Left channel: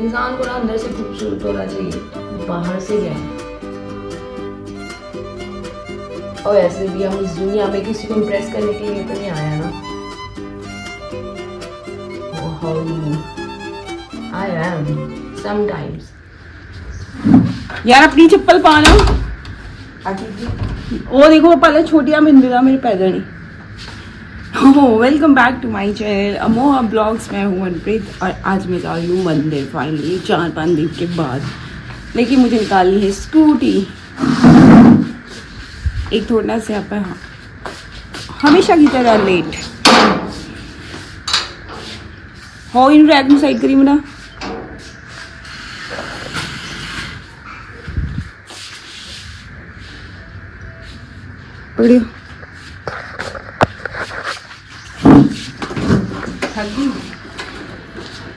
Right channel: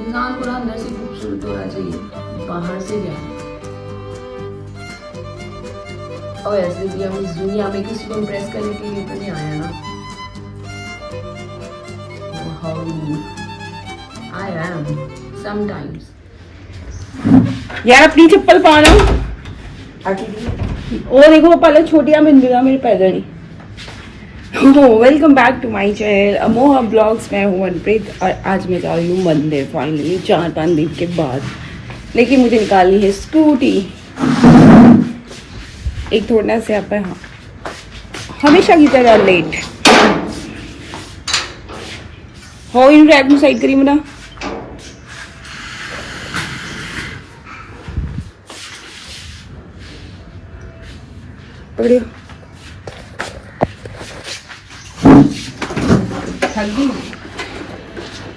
इंसान को ना अंदर से खूबसूरत होना चाहिए, बाहर से क्या। और ऐसे भी हम इस दुनिया में किसी को इम्प्रेस करने के लिए तो नहीं आया ना। I am sometimes। यार अपनी चप्पल पा लो। वो देखो पहले छोटिया बिंदुआ मेरे पैदल नहीं। Welcome back to my channel Amoha blogs. मैं हूँ मनप्रीत और आज मैं जा रही हूँ मंदिर फाइनली 4-5 दिन के बाद। लेकिन मुझे निकालनी है स्कूटी। एक थोड़ा से आप हमेशा की तरह लेट हो इन रैक में साइड करी मेरा। पकड़ियो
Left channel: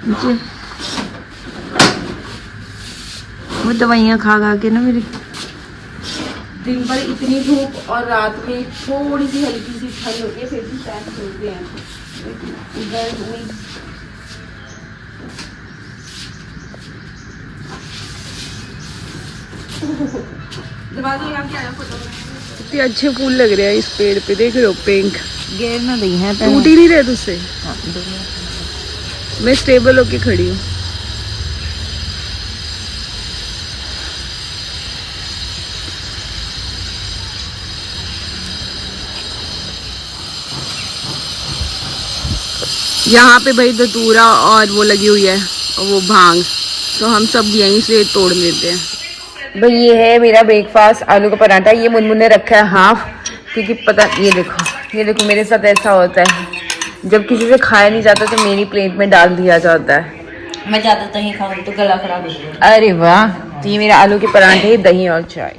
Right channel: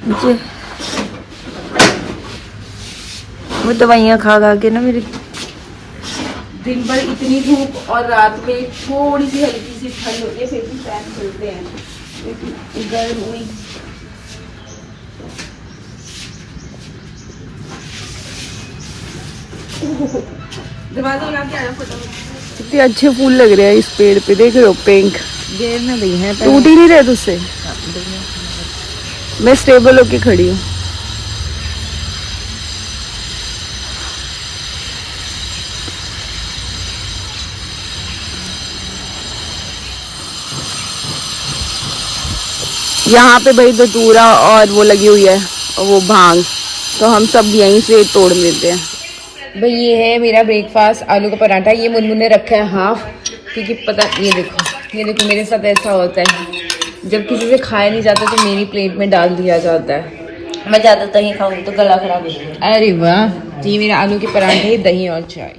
मुझे वो दवाइयाँ खा खा के ना मेरी दिन भर इतनी धूप और रात में थोड़ी सी हल्की सी ठंड होती है फिर भी फैन चलते हैं। कितने अच्छे फूल लग रहे हैं इस पेड़ पे, देख रहे हो? पिंक गेर ना दी है, टूट ही नहीं रहे तुझसे। मैं स्टेबल होके खड़ी हूँ। यहाँ पे भाई धतूरा और वो लगी हुई है वो भांग, तो हम सब यहीं से तोड़ लेते हैं। भाई ये है मेरा ब्रेकफास्ट, आलू का पराठा। ये मुनमुन ने रखा है हाफ, क्योंकि पता ये देखो मेरे साथ ऐसा होता है जब किसी से खाया नहीं जाता तो मेरी प्लेट में डाल दिया जाता है। मैं ज्यादा दही खाऊंगी तो गला खराब हो जाएगा। अरे वाह, तो ये मेरा आलू के पराठे, दही और चाय।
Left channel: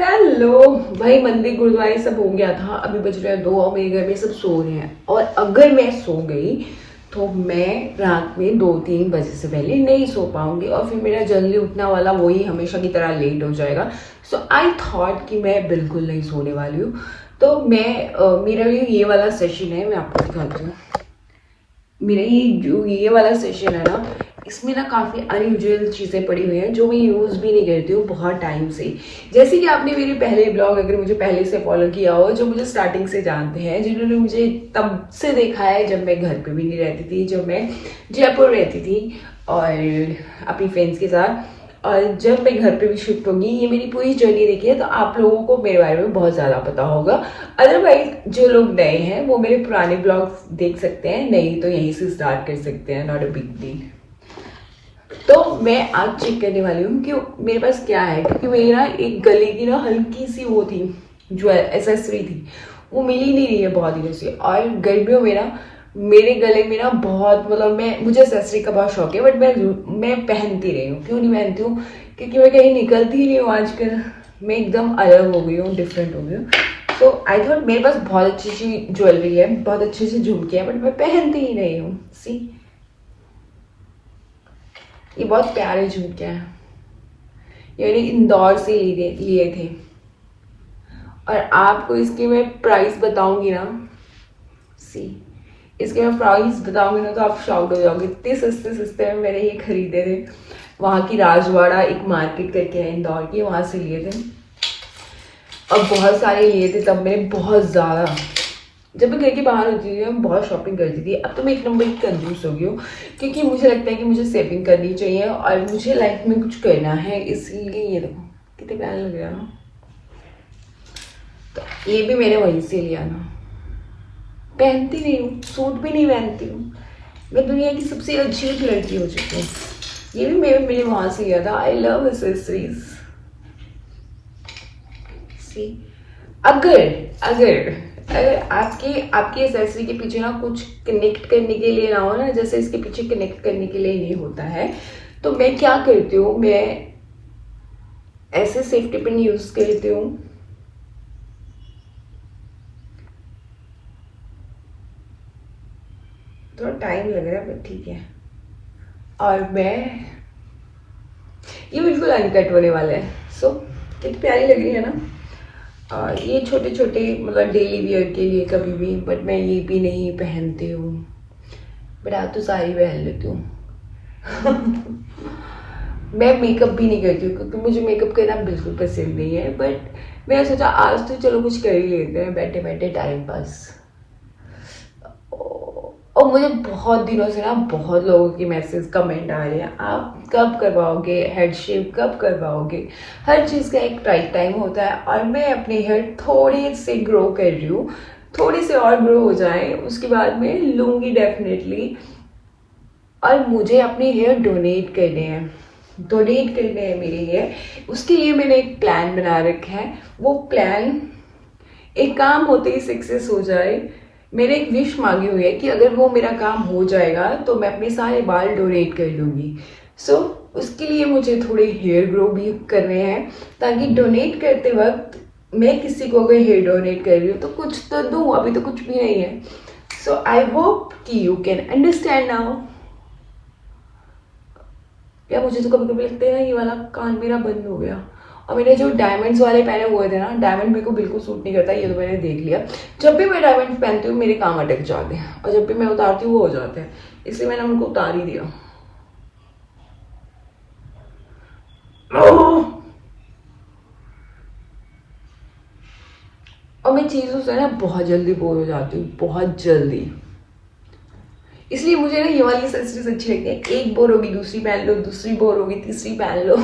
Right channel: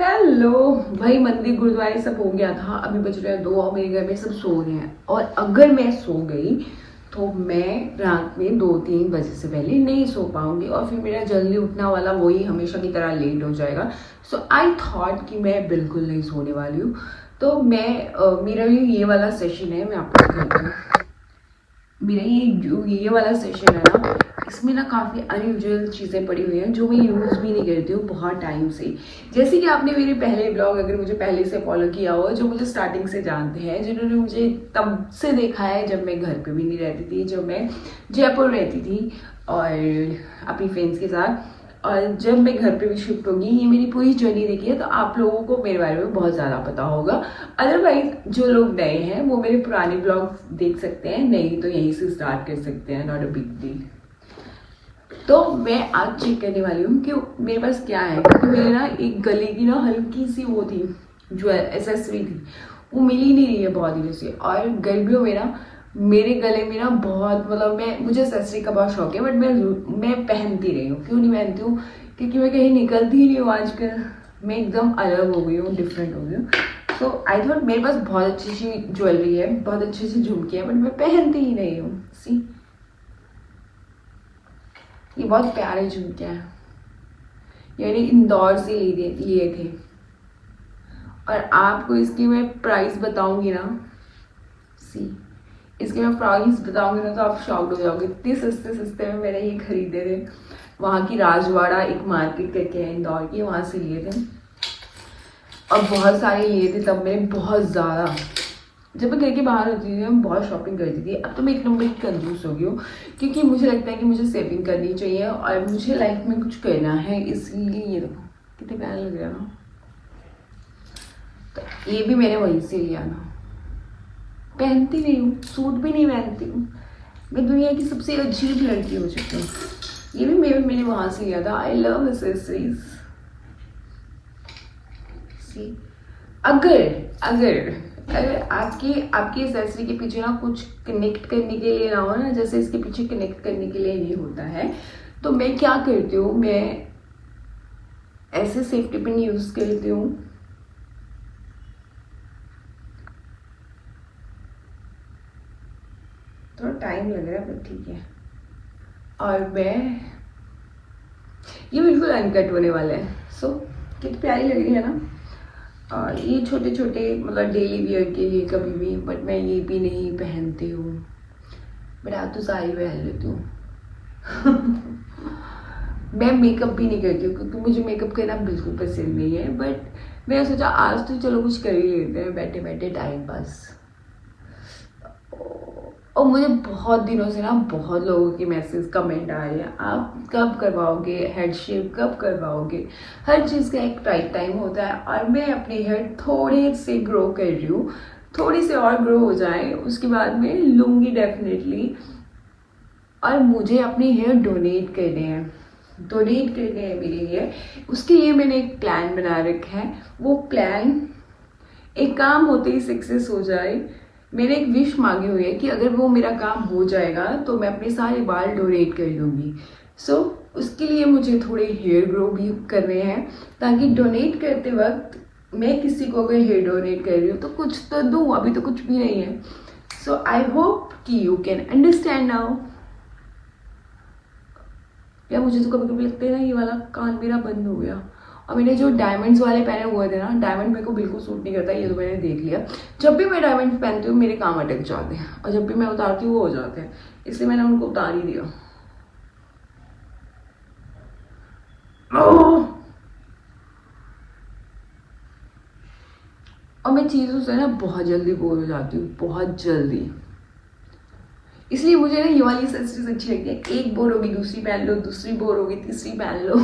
हेलो भाई, मंदिर गुरुद्वारे सब हो गया था। अभी बज रहे हैं 2 और मेरे घर में सब सो रहे हैं। और अगर मैं सो गई तो मैं रात में 2-3 बजे से पहले नहीं सो पाऊंगी और फिर मेरा जल्दी उठना वाला वही हमेशा की तरह लेट हो जाएगा। सो आई थॉट कि मैं बिल्कुल नहीं सोने वाली हूँ। तो मेरा ये वाला सेशन है, मैं आपको दिखाती हूँ। मेरा ये वाला सेशन है ना, इसमें ना काफ़ी अनयूजुअल चीज़ें पड़ी हुई हैं जो मैं यूज़ भी नहीं करती हूँ बहुत टाइम से। जैसे कि आपने मेरे पहले ब्लॉग, अगर मुझे पहले से फॉलो किया हो, जो मुझे स्टार्टिंग से जानते हैं, जिन्होंने मुझे तब से देखा है जब मैं घर पे भी नहीं रहती थी, जब मैं जयपुर रहती थी और अपनी फ्रेंड्स के साथ, और जब मैं घर पे भी शिफ्ट होगी, ये मेरी पूरी जर्नी देखी है तो आप लोगों को मेरे बारे में बहुत ज़्यादा पता होगा। अदरवाइज जो लोग नए हैं वो मेरे पुराने ब्लॉग्स देख सकते हैं, नहीं तो यहीं से स्टार्ट कर सकते हैं, नॉट अ बिग डील। तो मैं आज चेक करने वाली हूँ कि मेरे पास क्या है, क्योंकि मेरी ना एक गले की ना हल्की सी वो थी, जो एसेसरी थी, वो मिल ही नहीं रही है बहुत दिनों से। और गर्मियों में ना मेरे गले में ना बहुत, मतलब मुझे एसेसरी का बहुत शौक है, बट मैं पहनती रही हूँ। क्यों नहीं पहनती हूँ? क्योंकि मैं कहीं निकलती ही नहीं हूँ आजकल। मैं एकदम अलग हो गई हूँ, डिफरेंट हो गई हूँ। तो आई थॉट मेरे पास बहुत अच्छी सी ज्वेलरी है, बहुत अच्छे से झुमके हैं, बट मैं पहनती ही नहीं हूँ। सी, ये बहुत प्यारे झुमके हैं, ये मैंने इंदौर से लिए थे। और आपको इसकी मैं प्राइस बताऊंगी ना, सी, इसके मैं प्राइस बताऊंगी ना तो आप शॉक्ड हो जाओगे। इतने सस्ते सस्ते में मैंने ये खरीदे थे। वहाँ की राजवाड़ा एक मार्केट करके है इंदौर की, वहाँ से लिए थे। और बहुत सारे लिए थे तब मैंने, बहुत ज़्यादा। जब मैं घर के बाहर होती थी मैं बहुत शॉपिंग करती थी। अब तो मैं 1 नंबर की कंजूस हो गई हूँ, क्योंकि मुझे लगता है कि मुझे सेविंग करनी चाहिए और मुझे लाइफ में कुछ करना है। इसलिए ये देखो कितने प्यारे लग रहा है ना। तो ये भी मैंने वहीं से लिया ना। पहनती नहीं हूँ, सूट भी नहीं पहनती हूँ, मैं दुनिया की सबसे अजीब लड़की हो चुकी हूँ। ये भी मैंने वहाँ से लिया था। I love accessories. सी, अगर आपकी एसेसरी के पीछे ना कुछ कनेक्ट करने के लिए ना हो ना, जैसे इसके पीछे कनेक्ट करने के लिए नहीं होता है, तो मैं क्या करती हूँ, मैं ऐसे सेफ्टी पिन यूज करती हूँ। थोड़ा टाइम लग रहा है पर ठीक है। और ये बिल्कुल अनकट होने वाले हैं। सो कितनी प्यारी लग रही है ना। ये छोटे छोटे मतलब डेली वियर के लिए कभी भी, बट मैं ये भी नहीं पहनती हूँ। बट आप तो सारी पहन लेती हूँ। मैं मेकअप भी नहीं करती हूँ क्योंकि मुझे मेकअप करना बिल्कुल पसंद नहीं है, बट मैंने सोचा आज तो चलो कुछ कर ही लेते हैं बैठे बैठे टाइम पास। और मुझे बहुत दिनों से ना बहुत लोगों की मैसेज कमेंट आ रहे हैं, आप कब करवाओगे हेड शेप, कब करवाओगे। हर चीज़ का एक राइट टाइम होता है और मैं अपने हेयर थोड़ी सी ग्रो कर रही हूँ, थोड़ी सी और ग्रो हो जाए उसके बाद में लूँगी डेफिनेटली। और मुझे अपने हेयर डोनेट करने हैं मेरे हेयर, उसके लिए मैंने एक प्लान बना रखा है। वो प्लान एक काम होते ही सक्सेस हो जाए। मैंने एक विश मांगी हुई है कि अगर वो मेरा काम हो जाएगा तो मैं अपने सारे बाल डोनेट कर लूँगी। सो उसके लिए मुझे थोड़े हेयर ग्रो भी करने हैं, ताकि डोनेट करते वक्त मैं किसी को अगर हेयर डोनेट कर रही हूँ तो कुछ तो दूँ, अभी तो कुछ भी नहीं है। सो आई होप कि यू कैन अंडरस्टैंड नाउ। या मुझे तो कभी कभी लगता है ना ये वाला कान मेरा बंद हो गया। और मैंने जो डायमंड्स वाले पहने हुए थे ना, डायमंड मेरे को बिल्कुल सूट नहीं करता, ये तो मैंने देख लिया। जब भी मैं डायमंड पहनती हूँ मेरे काम अटक जाते हैं और जब भी मैं उतारती हूँ वो हो जाते हैं, इसलिए मैंने उनको उतार ही दिया। और मैं चीज़ों से ना बहुत जल्दी बोर हो जाती हूँ, बहुत जल्दी। इसलिए मुझे ना ये वाली एक्सेसरीज अच्छी लगती है। एक बोर होगी दूसरी पहन लो, दूसरी बोर होगी तीसरी पहन लो।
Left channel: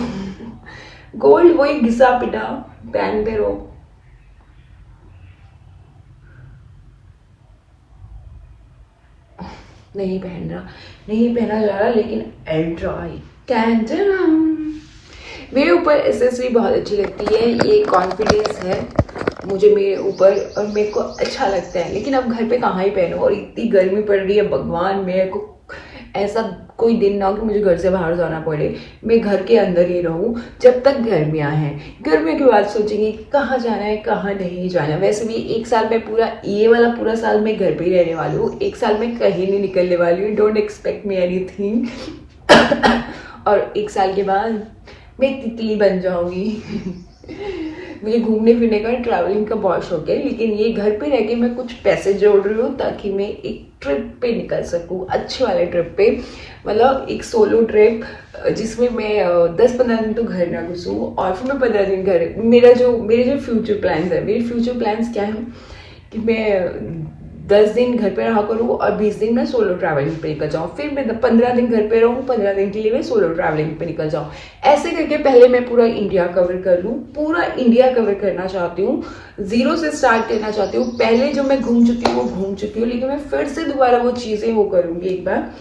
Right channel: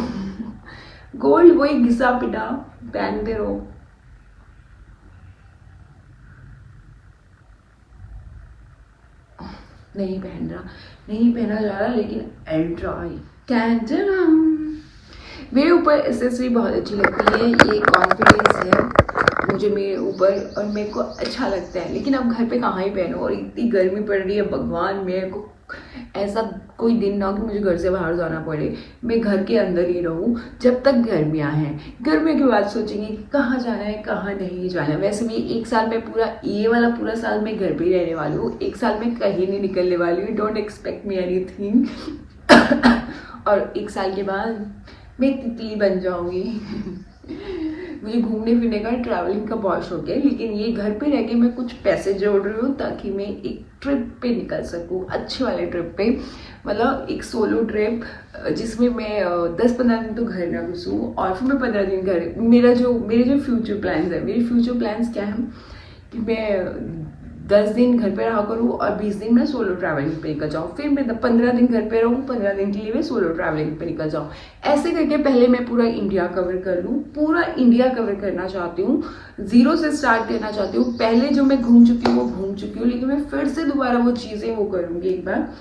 गोल्ड वही घिसा पिटा पहनते रहो। नहीं पहना जा रहा, लेकिन आई ट्राई। कैंडल मेरे ऊपर एक्सेसरी बहुत अच्छी लगती है, ये कॉन्फिडेंस है मुझे मेरे ऊपर और मेरे को अच्छा लगता है। लेकिन अब घर पे कहाँ ही पहनूं, और इतनी गर्मी पड़ रही है, भगवान मेरे को ऐसा कोई दिन ना हो कि मुझे घर से बाहर जाना पड़े, मैं घर के अंदर ही रहूं जब तक गर्मियां हैं। गर्मियों के बाद सोचेंगे कहाँ जाना है कहाँ नहीं जाना। वैसे भी एक साल में ये वाला पूरा साल मैं घर पे ही रहने वाली हूँ, एक साल में कहीं नहीं निकलने वाली हूँ। Don't expect me anything. और एक साल के बाद मैं तितली बन जाऊंगी। मुझे घूमने फिरने का ट्रैवलिंग का बहुत शौक है, लेकिन ये घर पे रह के मैं कुछ पैसे जोड़ रही हूँ ताकि मैं एक ट्रिप पे निकल सकूँ, अच्छे वाले ट्रिप पे। मतलब एक सोलो ट्रिप जिसमें मैं 10-15 दिन तो घर ना घुसूँ और फिर मैं 15 दिन घर। मेरे जो फ्यूचर प्लान्स है, मेरे फ्यूचर प्लान्स क्या है कि मैं 10 दिन घर पे रहा करूँ और 20 दिन मैं सोलो ट्रैवलिंग पे निकल जाऊँ। फिर मैं 15 दिन घर पे रहूँ, 15 दिन के लिए मैं सोलो ट्रैवलिंग पे निकल जाऊँ। ऐसे करके पहले मैं पूरा इंडिया कवर कर लूँ। पूरा इंडिया कवर करना चाहती हूँ, जीरो से स्टार्ट करना चाहती हूँ। पहले जो मैं घूम चुकी हूँ वो घूम चुकी हूँ, लेकिन मैं फिर से दोबारा वो चीज़ें वो करूँगी एक बार।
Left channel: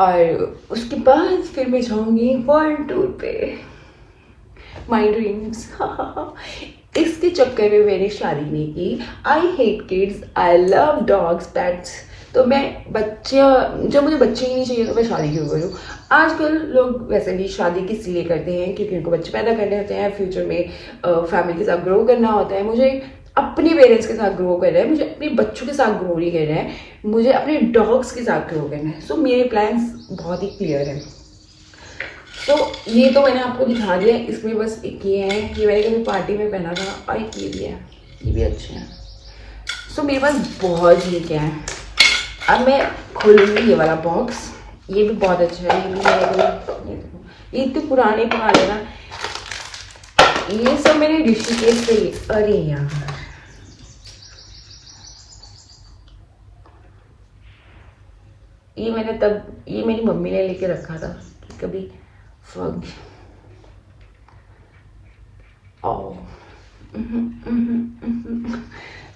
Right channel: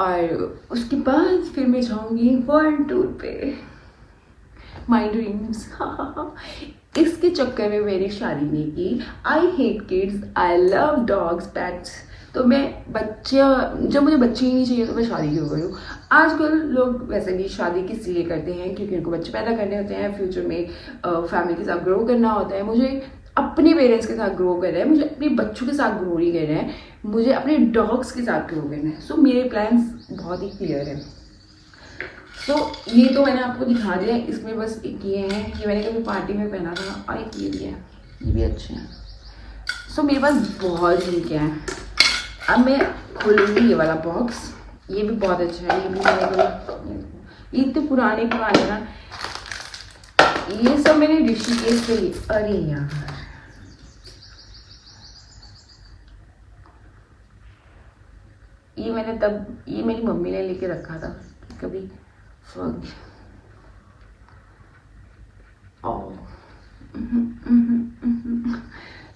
और उसके बाद फिर मैं जाऊँगी फॉरेन टूर पे। My dreams. इसके चक्कर में मैंने शादी नहीं की। I hate kids, I love dogs, pets. तो मैं जब मुझे बच्चे ही नहीं चाहिए तो मैं शादी क्यों करूँ। आजकल लोग वैसे भी शादी किस लिए करते हैं, क्योंकि उनको बच्चे पैदा करने होते हैं, फ्यूचर में फैमिली के साथ ग्रो करना होता है। मुझे अपने पेरेंट्स के साथ ग्रो करना है, मुझे अपने बच्चों के साथ ग्रो नहीं करना है, मुझे अपने डॉग्स के साथ ग्रो करना है। सो मेरे प्लान्स बहुत ही क्लियर हैं। तो ये तो मैंने आपको दिखा दिया। इसमें बस एक ये है कि मैंने कभी पार्टी में पहना था, और एक ये भी है, ये भी अच्छे हैं। सो मेरे पास बहुत चीज़ें हैं। अब मैं खोलूँगी ये वाला बॉक्स, ये भी बहुत अच्छा है। ये इतने पुराने ना, ये सब मैंने ऋषिकेश से लिए। अरे यार, ये मेरी मम्मी ने लेके रखा था कभी फग। Oh.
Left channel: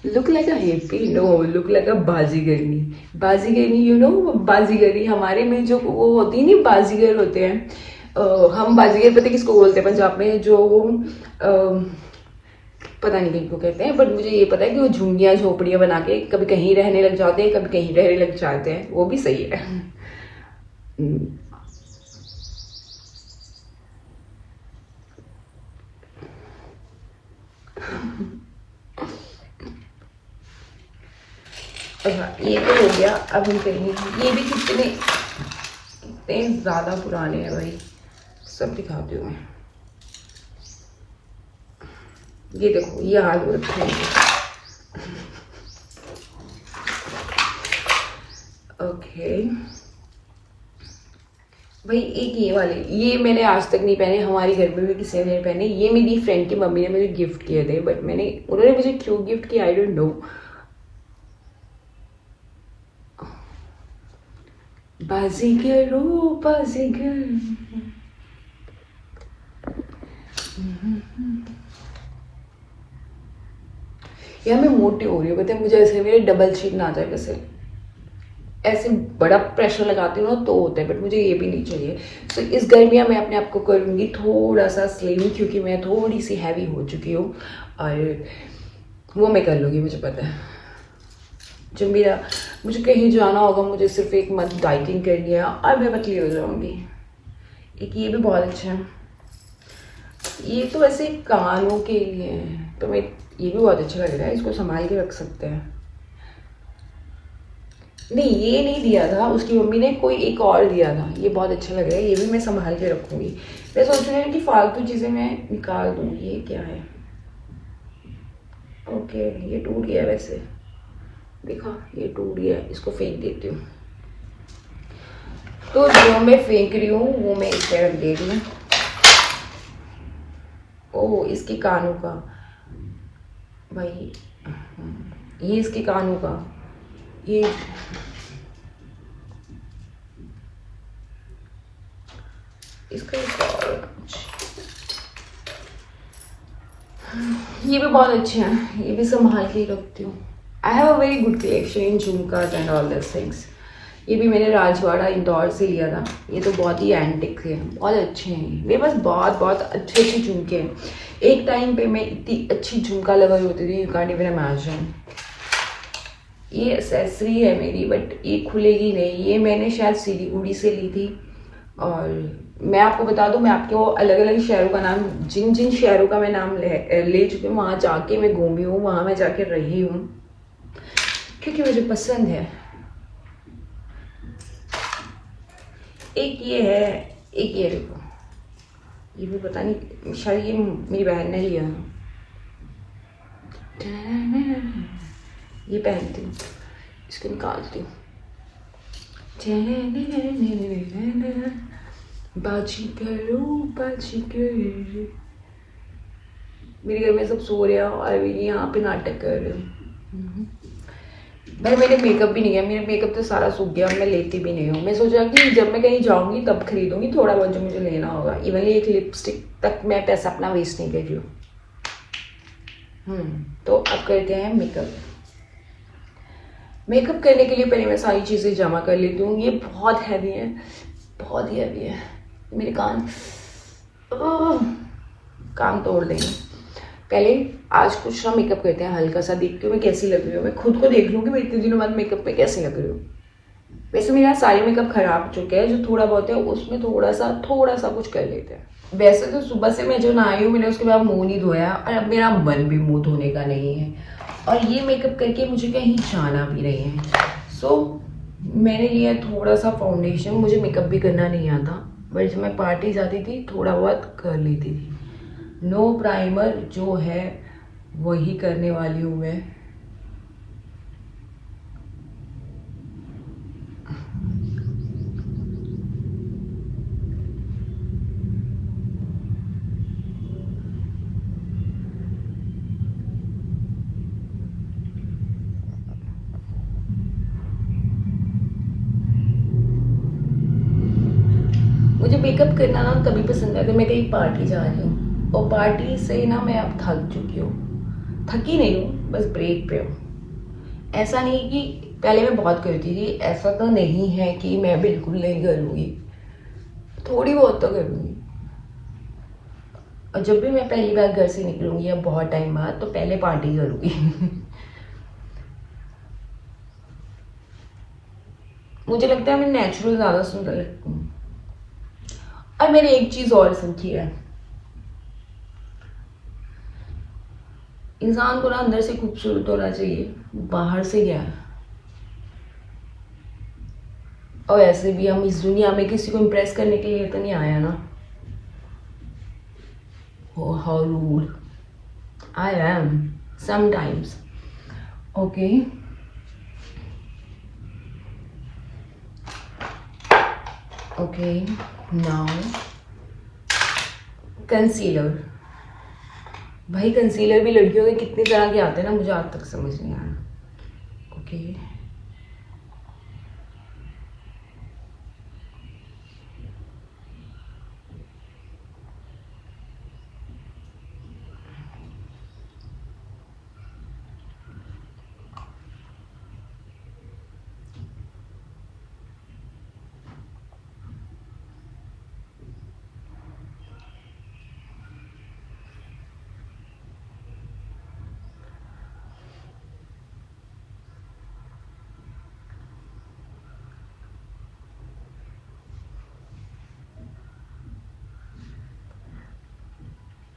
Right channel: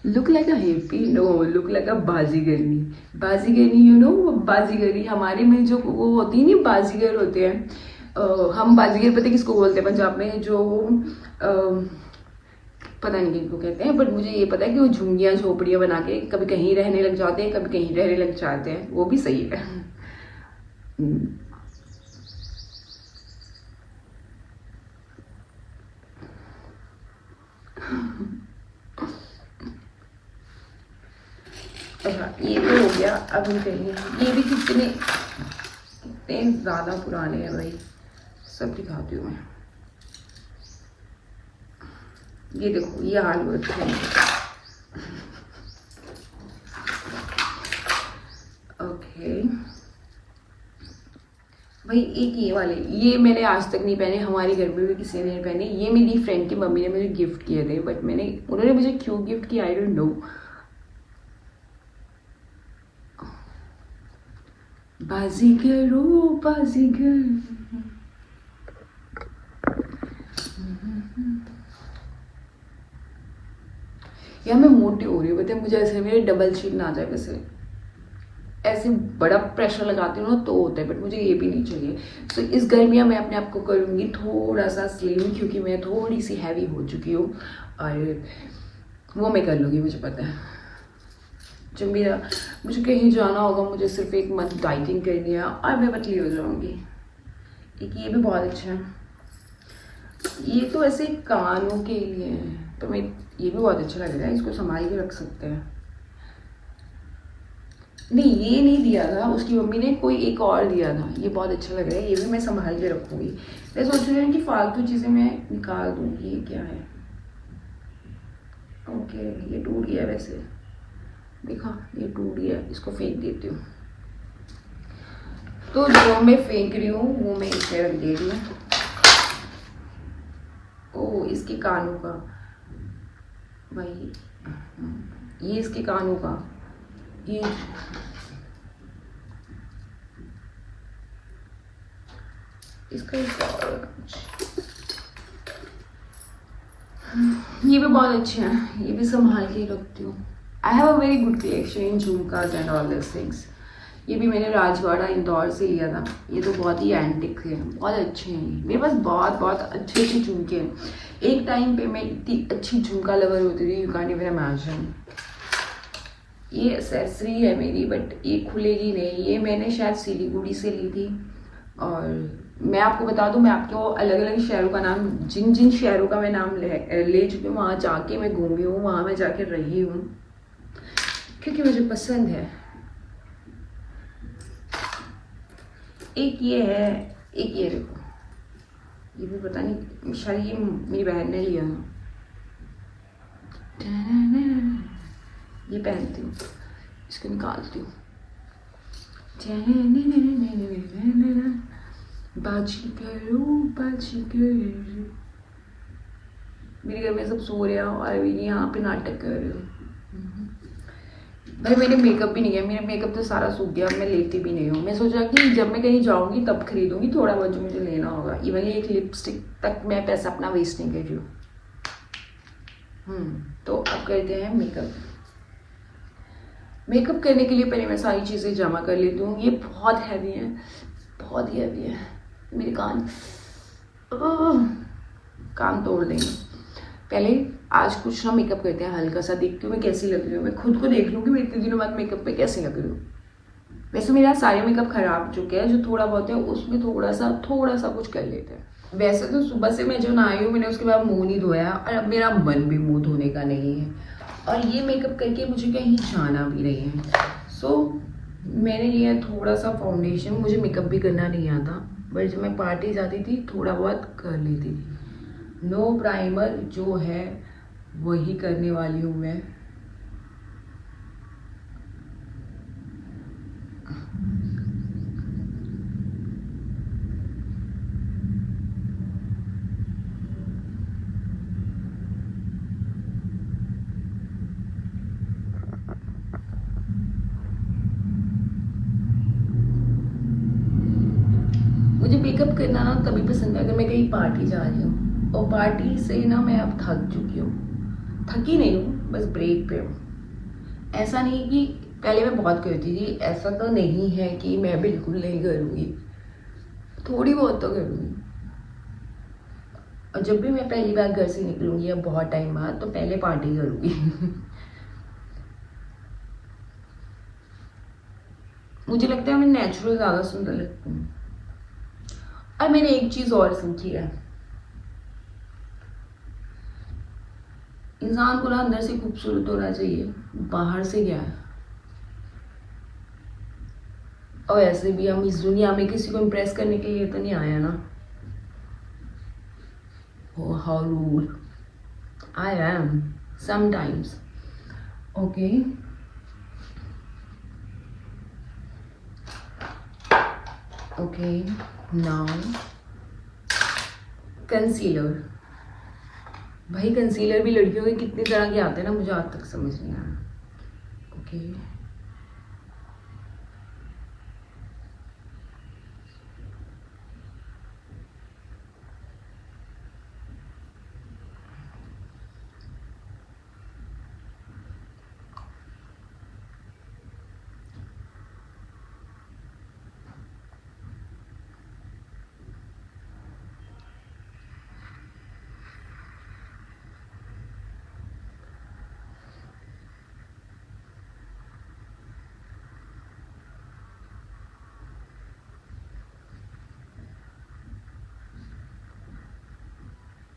Look like a hippie? No, look like a बाजीगरनी। बाजीगरनी, you know, बाजीगरी हमारे में जो वो होती है नहीं, बाजीगर होते हैं। हम बाजीगर पता किसको बोलते हैं पंजाब में, जो पता नहीं किनको कहते हैं, बट मुझे ये पता है कि वो झुंगियाँ झोपड़ियाँ बना के कभी कहीं रहने लग जाते हैं, कभी कहीं रहने लग जाते हैं। वो भी सही है। अच्छा, ये तो हो गया। अब हम करेंगे, ये भी कितने ज़्यादा पुराने हैं भाई, सब दिखाती हूँ मैं। ये देखो, ये आलू रखे हैं। ओके, भाई एक ये वाले, ये मैंने आज तक नहीं पहने, हमारे घर में भी किसी ने नहीं पहने। ये मेरी फ्रेंड की मम्मी ने मुझे गिफ्ट किए थे, बट उन्होंने मुझे क्यों गिफ्ट किया आई डोंट नो। बाजीगर ओ बाजीगर। यार मैं मोटी हो रही हूँ, पता है मुझे, ऐसे मेरे डबल चिन आ जाए, वैसे ऐसे बड़ा प्रेशर लगाती हूँ ना तो होता है, बट मुझे ये भी नहीं चाहिए। सो इस गर्मियाँ मैं अपने आप को करूँगी थोड़ा सा स्लिम, क्योंकि मैं थोड़ी सी हैवी हो चुकी हूँ, और वो मैं कर लूँगी, मुझे पता है। जब मुझे कहीं जाना होगा, मुझे सिर्फ एक मंथ डाइटिंग करनी है और मैं पतली हो जाऊँगी। एक ये भी बहुत अच्छा है, ये तो ऐसे कानों के लिए है, तो मैं, ये भी बहुत अच्छा लग रहा है, इसको संभाल के रख सकते हैं। नहीं ये नहीं दिया था, उसकी मम्मी ने कोई एक और दिया था, ये बहुत अच्छा लग रहा है, ये भी मैं संभाल के रखूँगी। मैं सोच रही हूँ कि फालतू चीज़ें मैं निकाल दूँ। ये क्या है? ओके ये टूट गया, वैसे देखा ये टूट गया, इसको फेंक देती हूँ। तो जो मैं फेंक रही हूँ वो मैं इसमें रख दे रही हूँ। ओह इसके कानों का, भाई ये इसके कानों का, ये इसका ये भी बहुत अच्छे हैं, ये भी संभाल के ही रखती हूँ। I have a very good collection in jhumkas and all this things. ये भी मैंने राजवाड़ा इंदौर से लिया था, ये तो बहुत ही एंटिक है, बहुत अच्छे हैं। मेरे पास बहुत बहुत अच्छे अच्छे झुमके हैं। एक टाइम पे मैं इतनी अच्छी झुमका लवर होती थी, यू कांट इवन इमेजिन। ये एक्सेसरी है मेरी, बट ये खुलेगी नहीं, ये मैंने शायद सिलीगुड़ी से ली थी। और मैं आपको बता दूं, मैं आपको अलग अलग शहरों का नाम, जिन जिन शहरों का मैं नाम ले चुकी हूँ, वहाँ जाके मैं घूमी हूँ, वहाँ मैं जाके रही हूँ, क्योंकि मुझे पसंद है। एक ये है, एक ये देखो, ये भी पता नहीं, शायद ये मेरी बहन ने लिया। ये पहनती हूँ, इसको निकालती हूँ। बाजीगर ओ बाजीगर। मेरे घर में सब सो रहे हैं और मैं यहाँ पे नाटक कर रही हूँ। भाई मैंने मेकअप भी नहीं किया, मेरा मेकअप तो सारा सूख गया, मैं लेती भी नहीं हूँ। मैं सोचा कि जब मैं कहीं जाऊँगी तब खरीदूँगी थोड़ा बहुत जो मुझे लेना होगा। इवन एक लिपस्टिक तक मैं पैसा अपना वेस्ट नहीं कर रही हूँ। तो अब करते हैं मेकअप। मेकअप करने के लिए पहले मैं सारी चीज़ें जमा कर लेती हूँ। ये बहुत हैवी है, बहुत ही हैवी है, मेरे कान तोड़ देंगे। पहले आज कुछ ना मेकअप करते हैं, हल्का सा देखती हूँ मैं कैसी लग रही हूँ। मैं खुद को देख लूँ कि मैं इतने दिनों बाद मेकअप में कैसे लग रही हूँ। वैसे मेरा सारे मेकअप खराब चुके हैं, जो थोड़ा बहुत है उसमें थोड़ा सा कुछ कर लेते हैं। वैसे तो सुबह से मैं जो नहाई हूँ, मैंने उसके बाद मुँह नहीं धोया और अब मेरा मन भी मुँह धोने का नहीं है। और ये मेकअप करके मुझे कहीं जाना भी नहीं है। सो मैंने लिया थोड़ा सा फाउंडेशन। मुझे मेकअप भी करना नहीं आता, बट जब मैं पार्टी जाती थी थोड़ा बहुत कर लेती थी। नो प्राइमर जो है वही करने वाली हूँ मैं। मुझे मेकअप करना ना तभी पसंद है अगर मैं कहीं पार्टी जा रही हूँ, और पार्टी से ना मैं अब थक चुकी हूँ। थकी नहीं हूँ, बस ब्रेक पे हूँ। ऐसा नहीं कि पहले मैं बहुत करती थी, ऐसा तो नहीं है कि मैं बिल्कुल नहीं करूँगी, थोड़ी बहुत तो करूँगी। और जब भी मैं पहली बार घर से निकलूँगी या बहुत टाइम बाद, तो पहले पार्टी करूँगी। मुझे लगता है मैं नेचुरल ज़्यादा सुंदर लगती हूँ। और मैंने एक चीज़ और सीखी है, इंसान को ना अंदर से खूबसूरत होना चाहिए, बाहर से क्या है। और ऐसे भी हम इस दुनिया में किसी को इम्प्रेस करने के लिए तो नहीं आया ना। Oh, how rude I am sometimes. Okay. Okay, now concealer. भाई कंसीलर भी लड़कियों के कितने तरह के आते हैं ना, मुझे आज तक समझ नहीं आया। ओके,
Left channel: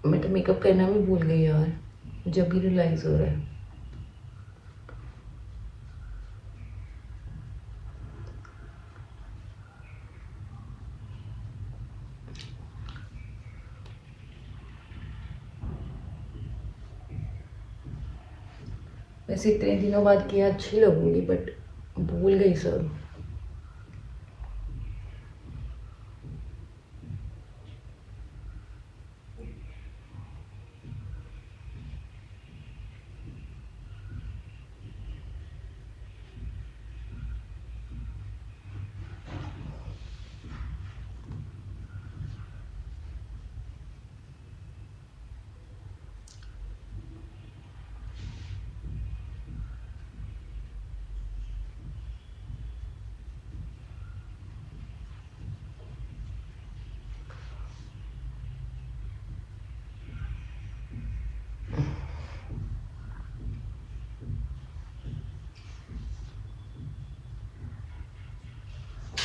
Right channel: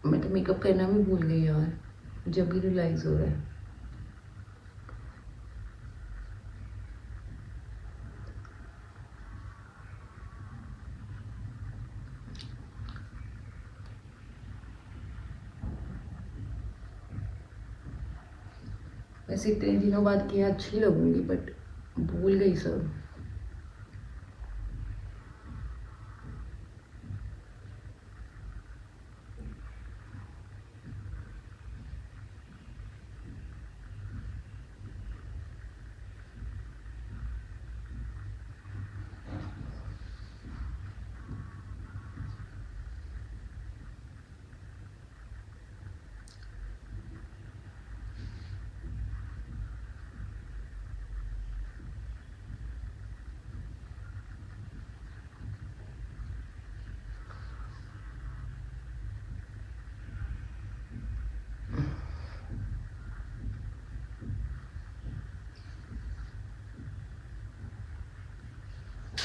मैं तो मेकअप करना भी भूल गई यार, मुझे अभी रियलाइज हो रहा है। वैसे इतने दिनों बाद किया अच्छी लगूंगी, बट भूल गई सब।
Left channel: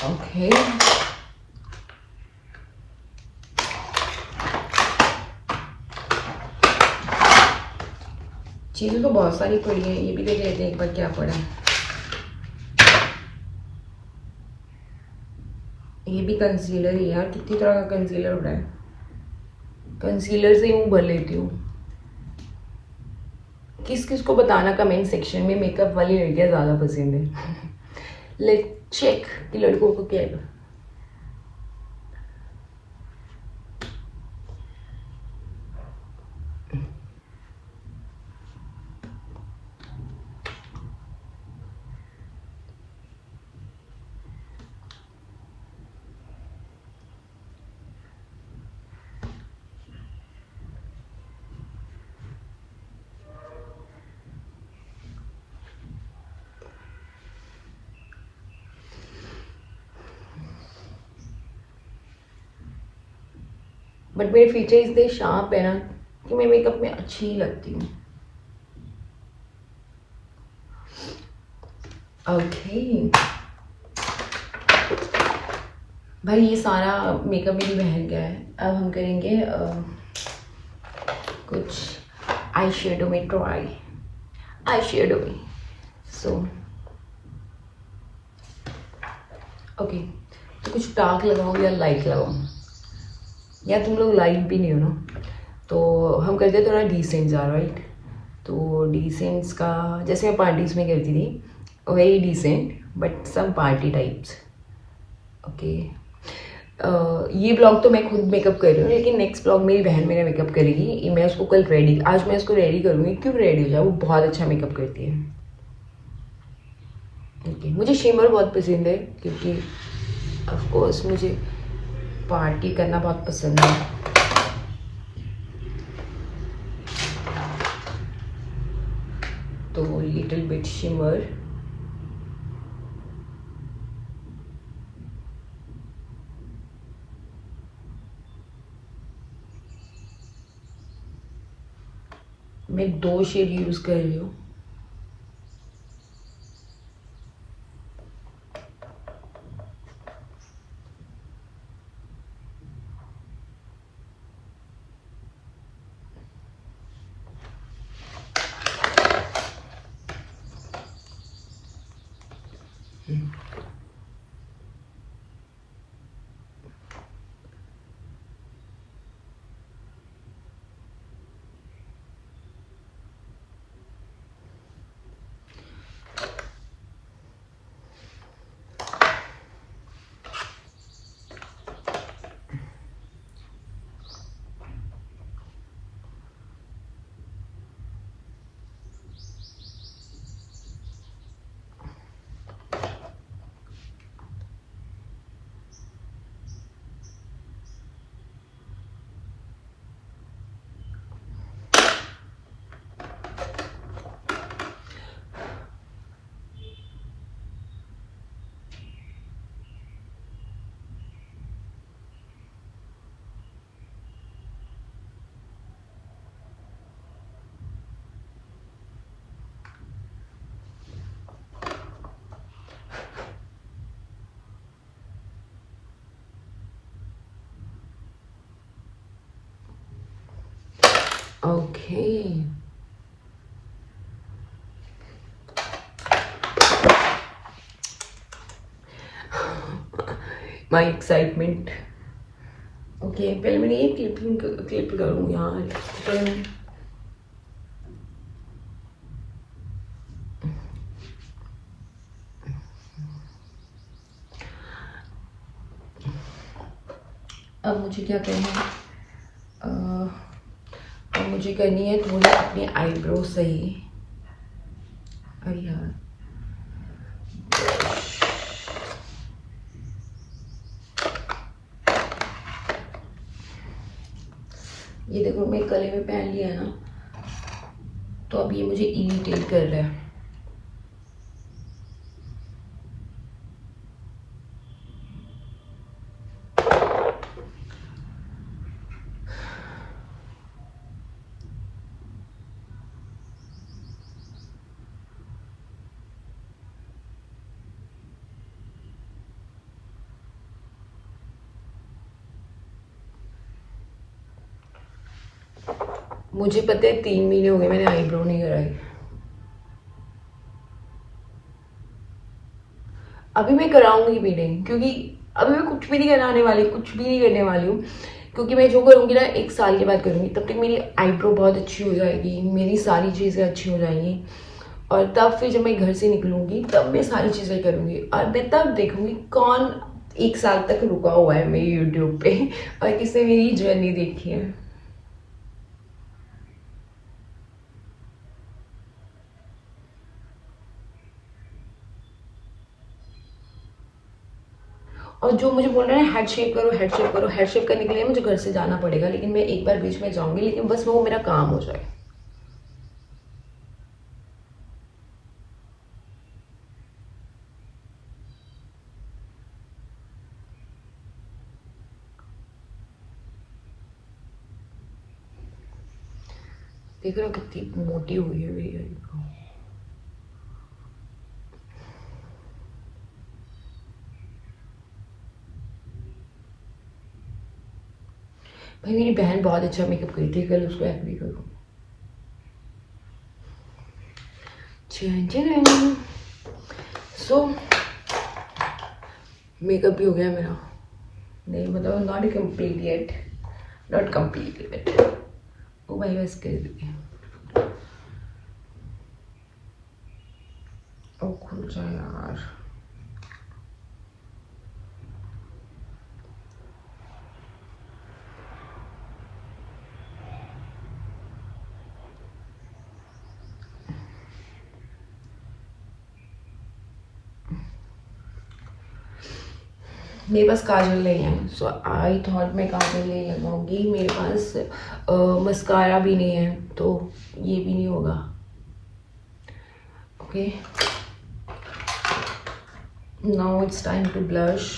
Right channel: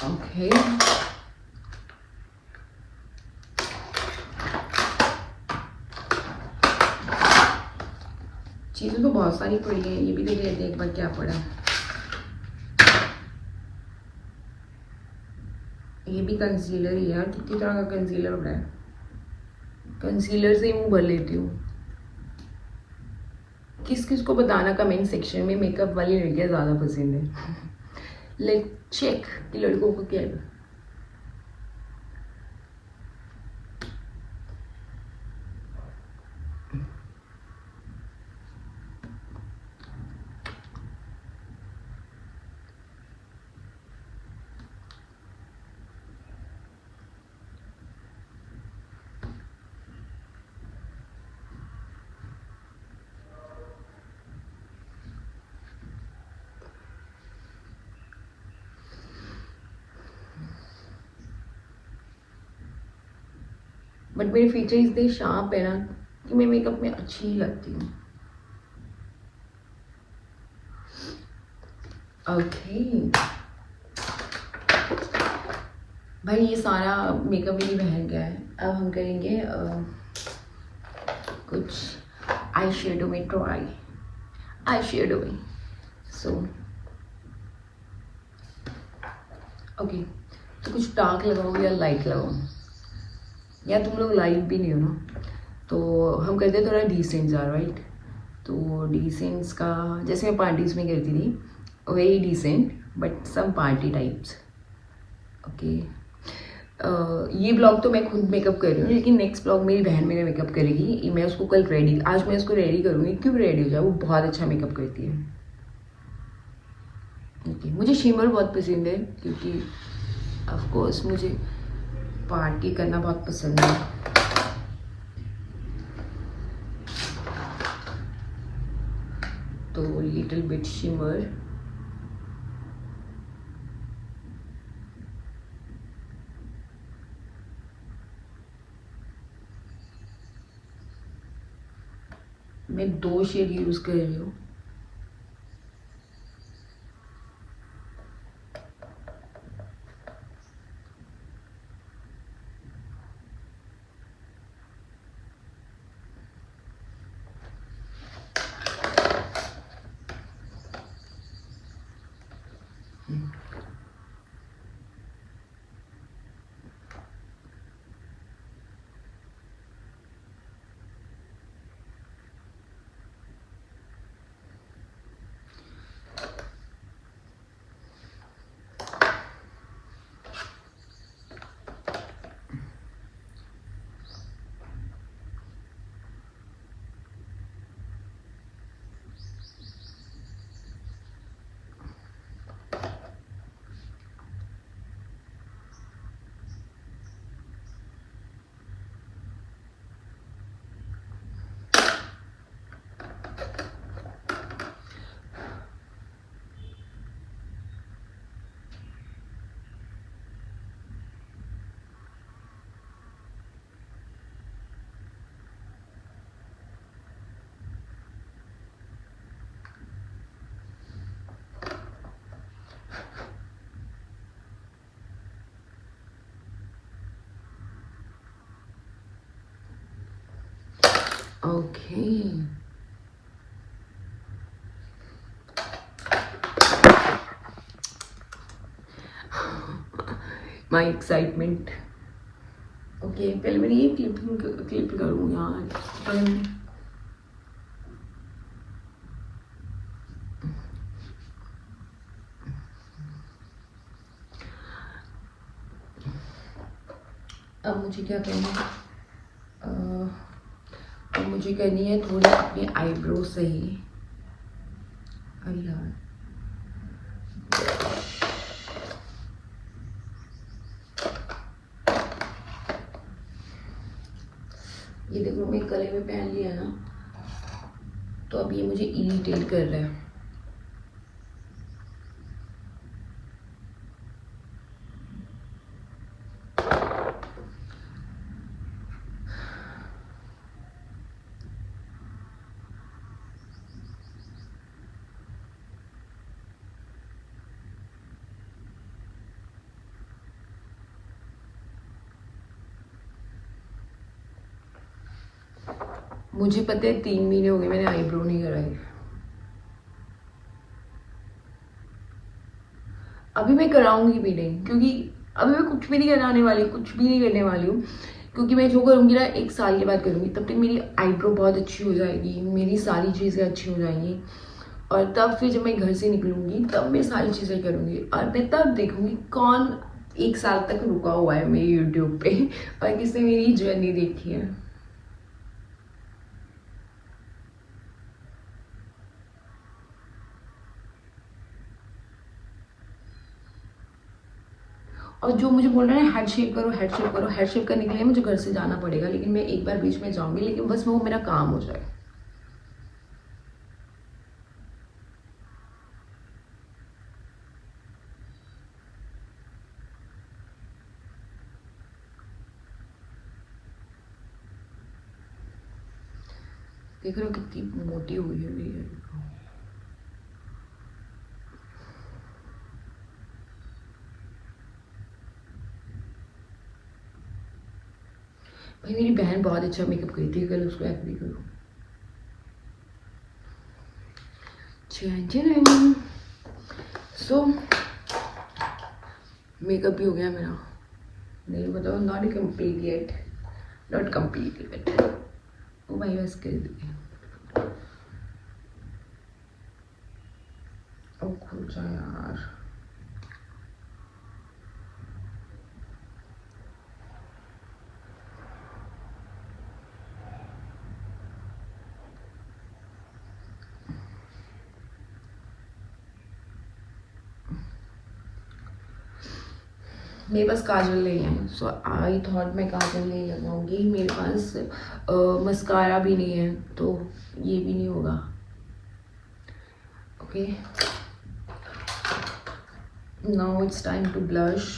ओके, चीज़ें तो बहुत सारी पड़ी है, ये भी देख लेते हैं एक बार क्या पड़ा है। ये भी कंसीलर ही यार, कितनी तरह का कंसीलर पड़ा है। कंसीलर से ही मुंह भर लेती हूँ। किस किस को बताना कमेंट सेक्शन में मेकअप वाली लड़कियाँ ज़्यादा पसंद है। लेट चेक कि लड़कों को क्या है। बट मेरे फीचर इतने शार्प है ना कि मैं मेकअप में अच्छी ही लगती हूँ। ओके भाई, ये सारा मेकअप मेरी बहन का है। अब हम करेंगे कुछ आई शेडो में ट्राई। आई शेडो में सो ओके, तो कुछ डार्क लगाओ या लाइट लगाओ, या तुम लोग लाइट भी नहीं हो ना, तो हम करते हैं थोड़ा डिसेंट सा, राइट। तो डिसेंट्स का जैसे मैं पार्टीज़ में करती थी, very decent but some party types. Okay, ये ब्लॉग तो मैं खुद मेकअप कर रही हूँ, लेकिन नेक्स्ट ब्लॉग मेरी बहन मेरा मेकअप करेगी। मैं उसको कल रेडी, आज मैं उसको रेडी करूँगी, क्यों रेडी हो जाए, वो बहुत अच्छा मेकअप करती है। ओके, मुझे शिमर बहुत पसंद है क्योंकि ऑफ कोर्स मुझे पार्टी करना बहुत पसंद है। तो लिटिल बिट शिमर, मैं 2 शेड यूज कर रही हूँ। ओके, माई एक्साइटमेंट। ओके, पहले मैंने ये क्लिप करूँ यार, पहले अब मुझे क्या करना है, अब मुझे करनी है थोड़ी अपनी आईब्रो सही। अरे यार, ये देखो मैं गले में पहन लिया है ना, तो अब ये मुझे इरिटेट कर रहा है। मुझे पता है 3 महीने हो गए मैंने आईब्रो नहीं कराई। अभी मैं कराऊंगी भी नहीं, क्योंकि अभी मैं कुछ भी नहीं कराने वाली, कुछ भी नहीं करने वाली हूँ। क्योंकि मैं जो करूँगी ना 1 साल के बाद करूँगी, तब तक मेरी आईब्रो बहुत अच्छी हो जाएगी, मेरी सारी चीज़ें अच्छी हो जाएंगी। और तब फिर जब मैं घर से निकलूँगी तब मैं सारी चीज़ें करूँगी, और मैं तब देखूँगी कौन 1 साल तक रुका हुआ है मेरे यूट्यूब पे और किसने मेरी जर्नी देखी है। और जो मुझे बोल रहे हैं हेड शेप करो, हेड शेप करो, हेड शेप करने के लिए मुझे घर से जाना पड़ेगा, लेकिन मैं एक बार बीच में जाऊंगी, लेकिन बस वो मेरा काम हो जाए। देख रहे हो कितनी मोटी हुई है मेरी आईब्रो। भाई मेरी बहन बहुत अच्छा मेकअप करती है, कल उसको हेल्प भी करूँ। सो मेकअप भी हो गया मेरा, नहीं मतलब not complete yet, not complete yet. ओ भाई बस कर दी, ओ खुल जा यार। मेरे पास काजल नहीं है, सो आई थॉट मैं काजल नहीं लगाऊंगी। मेरे पास मस्कारा भी नहीं है, तो ये भी नहीं होगा। Okay, now it's time to blush.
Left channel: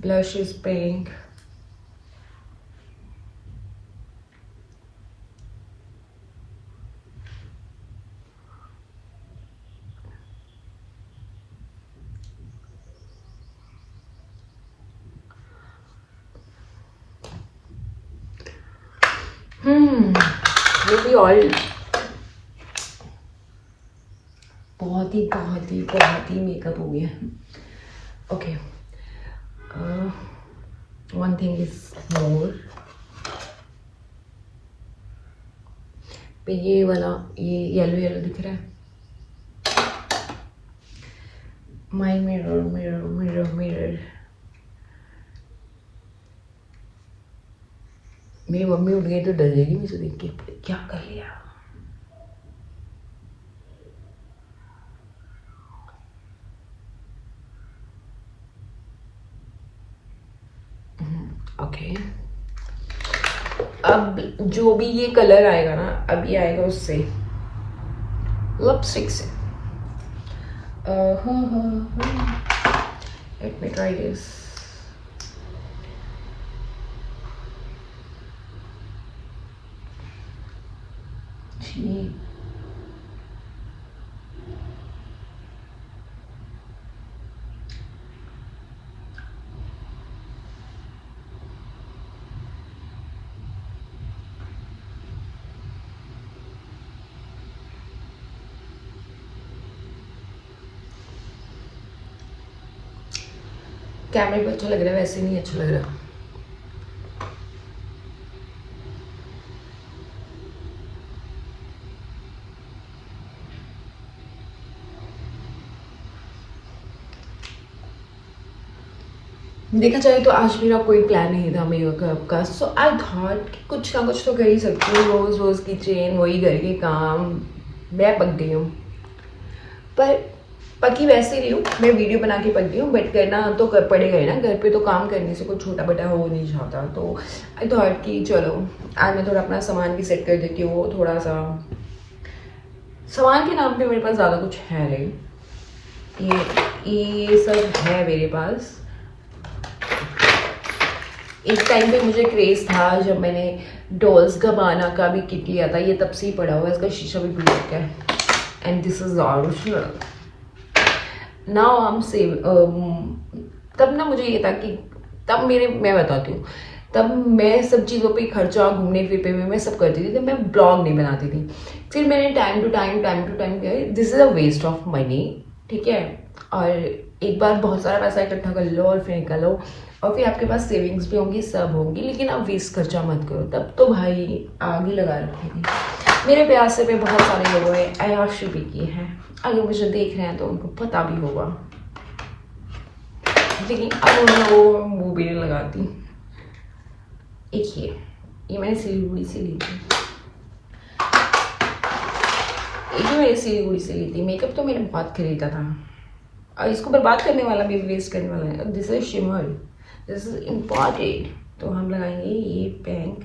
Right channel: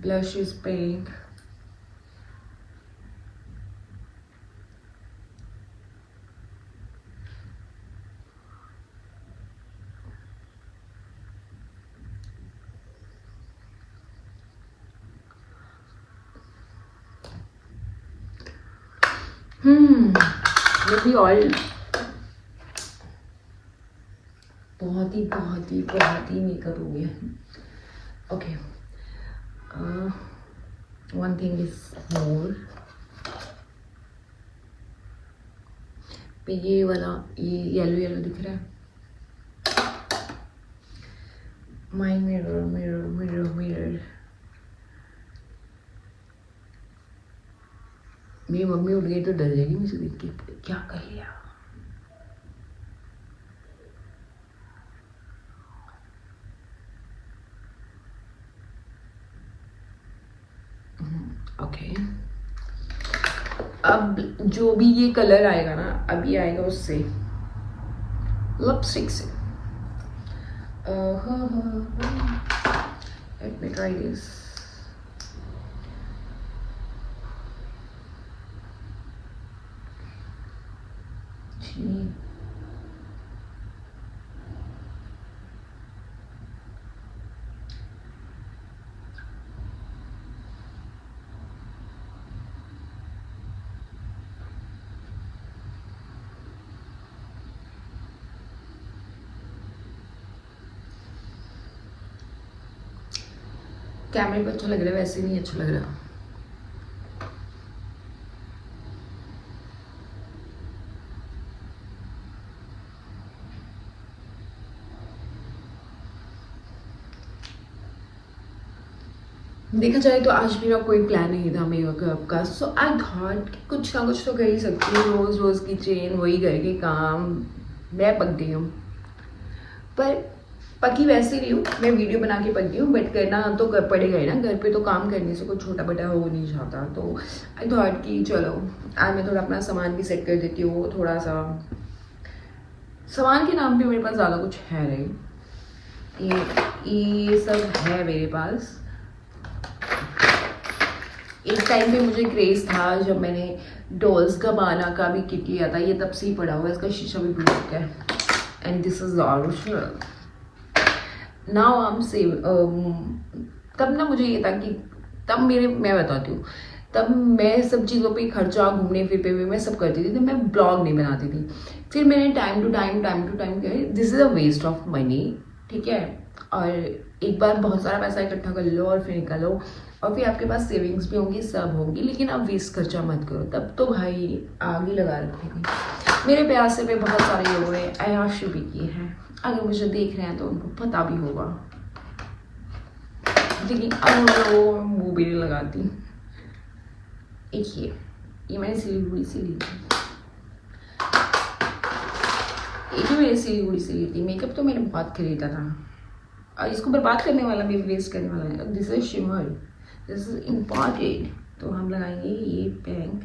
Blush is pink. मेरी ऑयल बहुत ही मेकअप हो गया। Okay, one thing is more, पे ये वाला ये येलो येलो दिख रहा है। My mirror mirror mirror mirror. मेरी मम्मी उठ गई तो डर जाएगी मुझे देख के, क्या कर लिया। ओके, अब जो भी ये कलर आएगा ना, अब ये आएगा उससे, लिपस्टिक से। Let me try this. कैमरे पे अच्छा लग रहा है, वैसे नहीं अच्छा लग रहा। देखा जाए तो आज मेरा कोई प्लान नहीं था मेकअप का, सो आई थॉट कि कुछ ना कुछ तो कर ही सकती हूँ। रोज़ रोज़ की चेन, वही घर के काम, मैं पक गई हूँ। पर पकी वैसे नहीं हूँ, मैं वीडियो बना के पक गई हूँ, बट करना तो कर पड़ेगा ही ना। घर पे तो काम करने से कोई छोटा बड़ा हो नहीं जाता। तो आई थॉट कि चलो आज मैं थोड़ा अपना सामान भी सेट कर देती हूँ। थोड़ा सा सामान के नाम पे मेरे पास ज़्यादा कुछ है नहीं, ये सब है मेरे पास। एक टाइम पे मुझे क्रेज़ था जब मैंने डॉल्स गबाना का भी किट लिया था, ये तब से ही पड़ा हुआ है, इसका शीशा भी टूट चुका है। And this is original. Now I am save. तब ना मुझे ये था कि तब मैं बताती हूँ, तब मैं सब चीज़ों पे खर्चा, घूमने फिर पे मैं सब करती थी, तब मैं ब्लॉग नहीं बनाती थी। फिर मैंने टाइम टू टाइम किया this is a waste of money, ठीक है। और एक बार बहुत सारा पैसा इकट्ठा कर लो और फिर निकालो, और फिर आपके पास सेविंग्स भी होंगी, सब होंगी, लेकिन आप वेस्ट खर्चा मत करो। तब तो भाई आग ही लगा रखेंगे। मेरे प्यार से भी बहुत सारे लोगों ने अय्याशी भी की है, अगर मुझे देख रहे हैं तो उनको पता भी होगा, लेकिन अब मैं वो मुँह भी नहीं लगाती। एक ये मैंने सिलीगुड़ी से ली थी, ये भी मैंने सिलीगुड़ी से ली थी। मेकअप तो मैंने बहुत खरीदा था, और इसको बर्बाद करने वाला भी, वेस्ट करने वाला है। This is shimmer, this is important. तो हम लगाएंगे ये बैंक।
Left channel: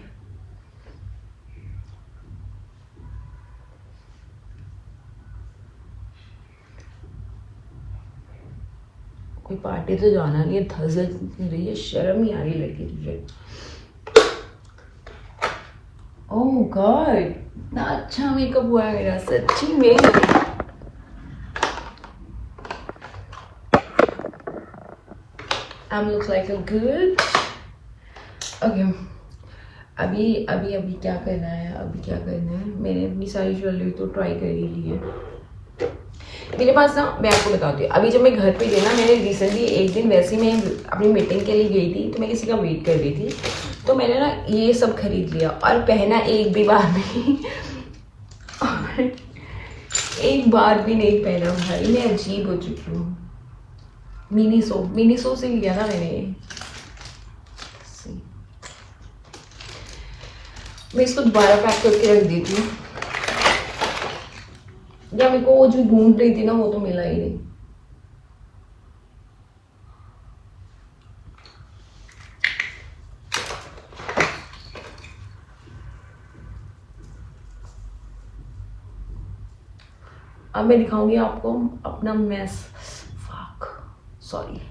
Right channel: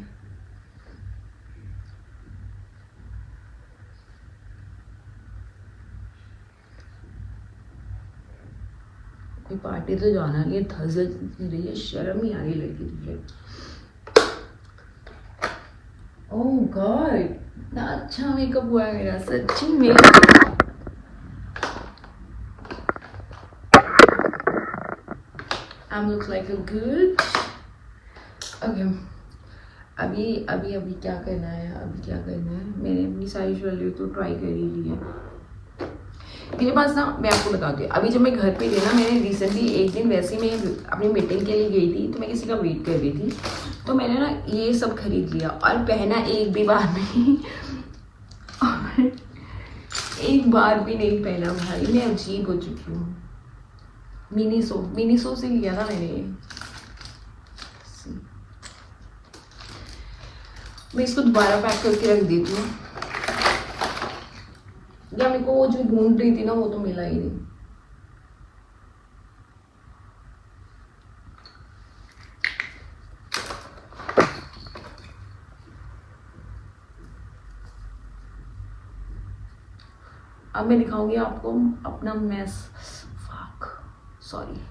कोई पार्टी तो जाना नहीं है, धज़ल रही है, शर्म ही आ रही लड़की तुझे। ओह गॉड, इतना अच्छा मेकअप हुआ है मेरा, सच्ची में। I look like a good. Okay. अभी क्या करना है, मैंने अपनी सारी ज्वेलरी तो ट्राई कर ही ली है। मेरे पास ना, मैं आपको बताती हूँ, अभी जब मैं घर पे गई ना, मैंने रिसेंटली एक दिन वैसे ही मैं अपनी मीटिंग के लिए गई थी, तो मैं किसी का वेट कर रही थी, तो मैंने ना ये सब खरीद लिया और पहना एक भी बार नहीं। और एक बार भी नहीं पहना भाई, मैं अजीब हो चुकी हूँ। मिनी सो से लिया ना मैंने। मैं इसको दोबारा पैक करके रख देती हूँ, या मेरे को वो जो ढूंढ रही थी ना वो तो मिला ही नहीं। अब मैं दिखाऊंगी आपको अपना मेस। Fuck, sorry.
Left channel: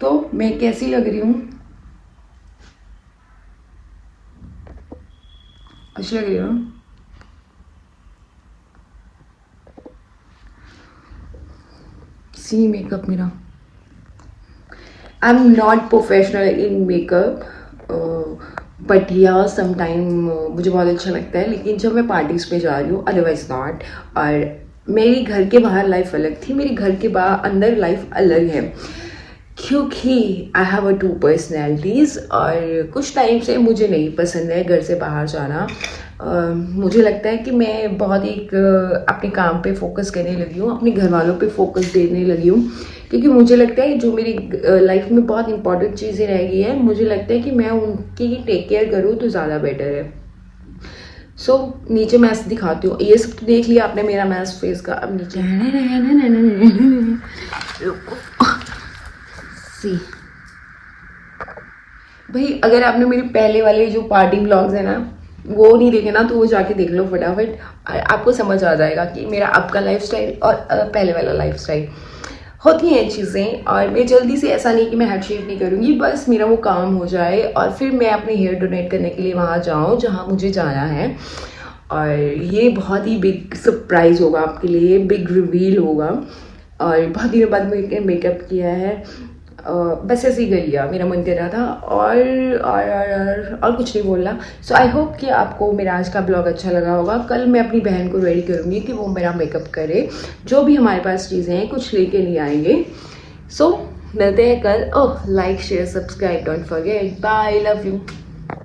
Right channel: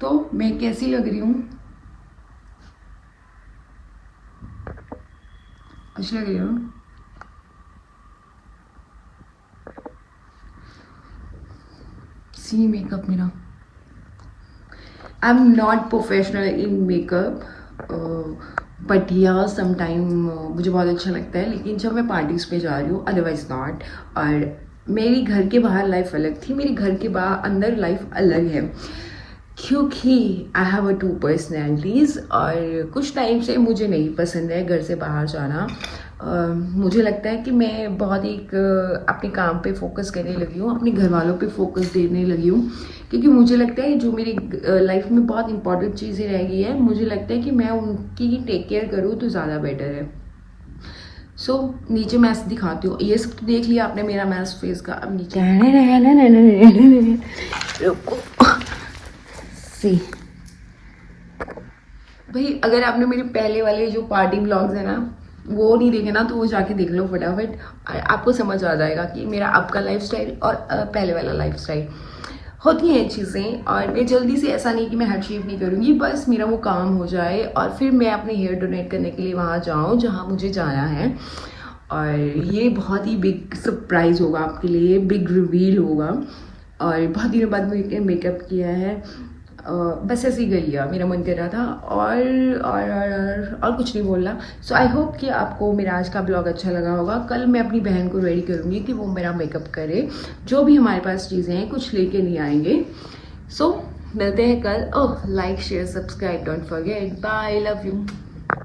तो मैं कैसी लग रही हूँ? अच्छी लग रही हूँ? सी मेकअप मेरा। I am not professional in makeup, but या समटाइम मुझे बहुत अच्छा लगता है, लेकिन जब मैं पार्टीज पे जा रही हूँ, अदरवाइज नॉट। और मेरी घर के बाहर लाइफ अलग थी, मेरी घर के बाहर अंदर लाइफ अलग है, क्योंकि आई हैव अ 2 पर्सनैलिटीज़। और कुछ टाइम से मुझे नहीं पसंद है घर से बाहर जाना। मुझे लगता है कि मैं बहुत एक अपने काम पे फोकस करने लगी हूँ, अपने घर वालों पे फोकस देने लगी हूँ, क्योंकि मुझे लगता है जो मेरी लाइफ में बहुत इंपॉर्टेंट चीज़ें रह गई हैं, मुझे लगता है कि मैं उनकी टेक केयर करूँ तो ज़्यादा बेटर है। सो नीचे मैस दिखाती हूँ, ये सब तो देख लिया आपने मेरा मैस फेस का। अब नीचे सी भाई, अगर आपने मेरे पहले वाले जो पार्टी ब्लॉग्स है ना वो नहीं देखे ना, तो वो जाके देख लो फटाफट, आपको समझ आ जाएगा कि मेरा अब का लाइफस्टाइल और पहले वाला लाइफस्टाइल। होती हैं चीज़ें, और मैं जल्दी से, ऐसा नहीं कि मैं हेड शेप नहीं करूँगी, बस मेरा वो काम हो जाए और फिर मैं अपने हेयर डोनेट करने के लिए वहाँ जाऊँ जहाँ मुझे जाना है। और ये बहुत ही बिग सरप्राइज़ होगा आपके लिए, बिग रिवील होगा। और बहुत दिनों बाद मैंने मेकअप किया है, बस ऐसे ही कर लिया, मेरा मन कर रहा था और कुछ नहीं बोलना। सो आई होप कि आपको मेरा आज का ब्लॉग अच्छा लगा होगा। कल मैं अपनी बहन को रेडी करूँगी कि वो मेरा मेकअप करे, जो भी हमारे पास चीज़ें हैं कुछ लेके नहीं आएंगे। सो मिलते हैं कल। Oh, like share subscribe don't forget. Bye, love you.